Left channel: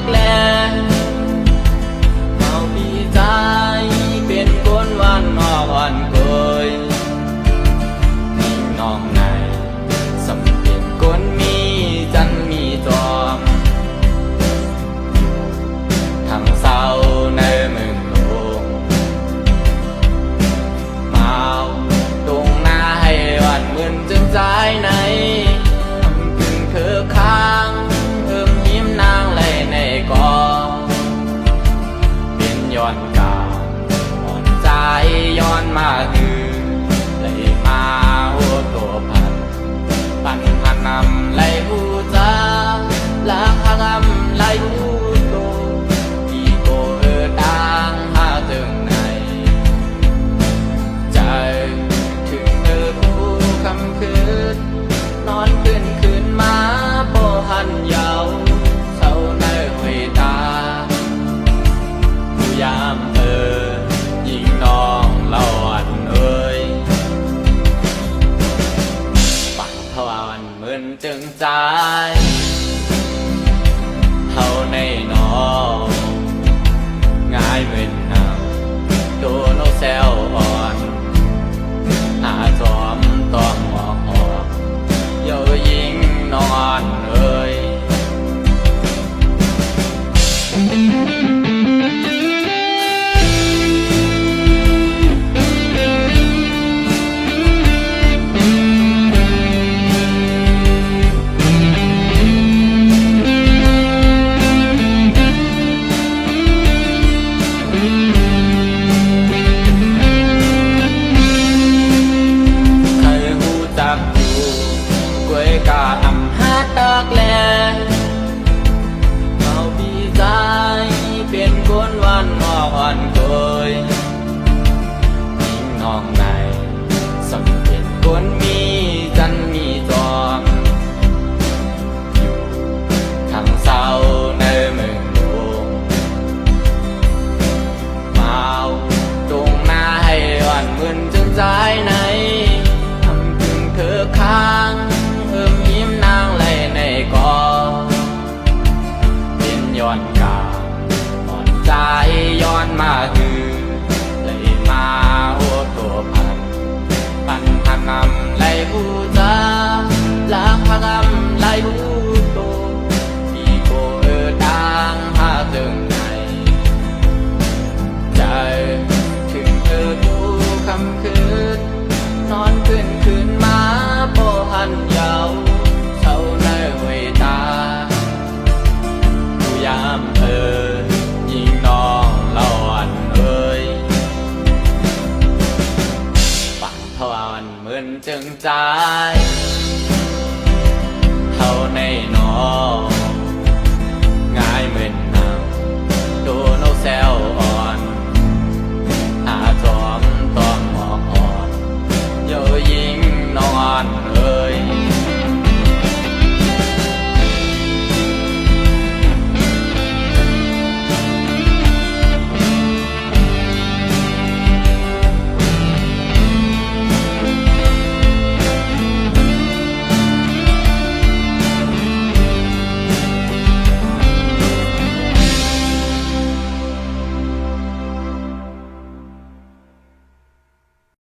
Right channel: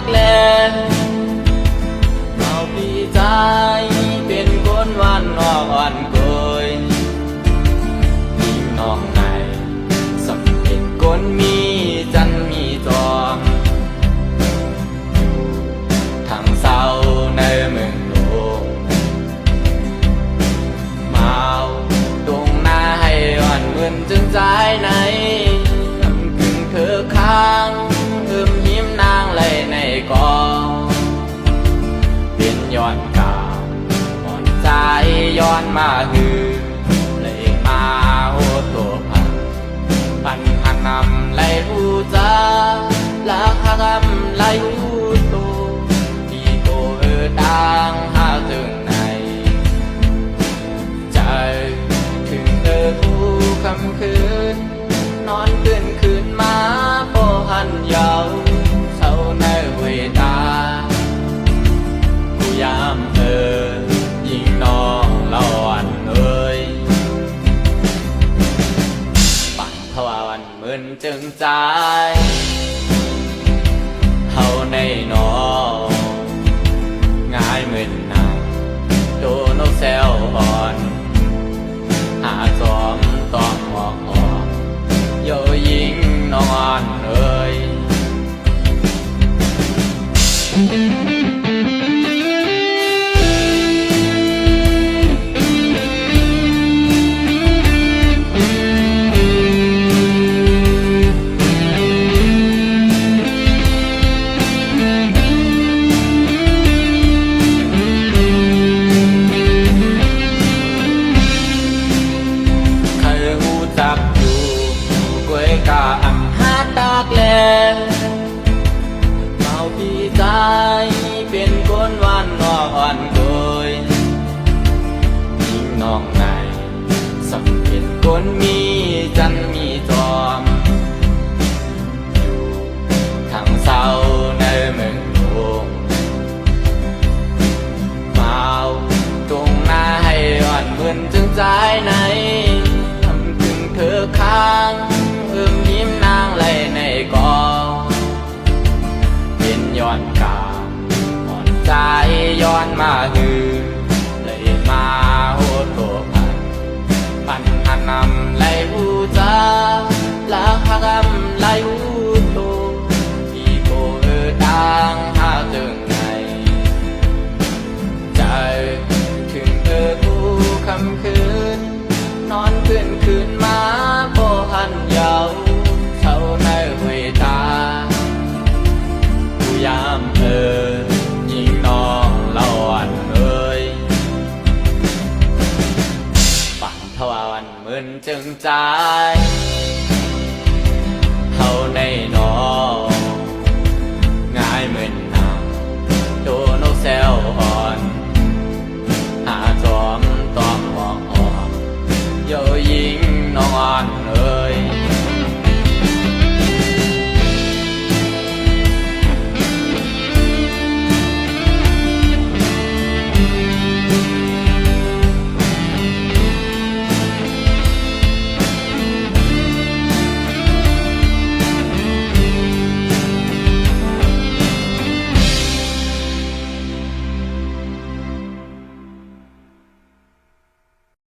กแลเมาปีใจเป็นคนวันนอกอ่อนโกยยิ่งน้องในสำเป็นคนมีจันมีจอมอยู่ทางเศร้าในเมืองหลวงเมาตรงหน้าให้วันเหมือนจึงใจในทำกึ่งเธอค้างหิมนางไหลในกองเป็นย้อนกามอ่อนใจย้อนมาหือเลยมาหัวตัวปันหันนำไหลหูจ้าละหักำไหลหูโตที่โกดังหาถึงไหนใจถึงกูคำคืนนอนคืนมาโปหันเยาเศร้าในเวตาผู้ยามยิงน้องเล่าอันปั่นทวารเหมือนจึงใจเฮาในน้องง่ายเหมือนนางโดนแซวอ่อนหาจอมต้องหอกหอกเยายิงนอนจักอยู่กวยกาอำหาตากแลเมาปีใจเป็นคนวันนอกอ่อนโกยยิ่งน้องในสำเป็นคนมีจันมีจอมอยู่ทางเศร้าในเมืองหลวงเมาตรงหน้าให้วันเหมือนจึงใจในเธอค้างหิมนางไหลในกองเป็นย้อนกามอ่อนใจย้อนมาหือเลยมาหัวโตปันหันนำไหลหูจ้าละหักไหลหูโตที่โกดังหาจึงไหนใจถึงกูคำคืนนอนคืนมาโปหันเยาเช่าในเวตาผู้ยามยิงน้องเล่าอันปั่นทวารเหมือนจึงใจเฮาในน้องง่ายเหมือน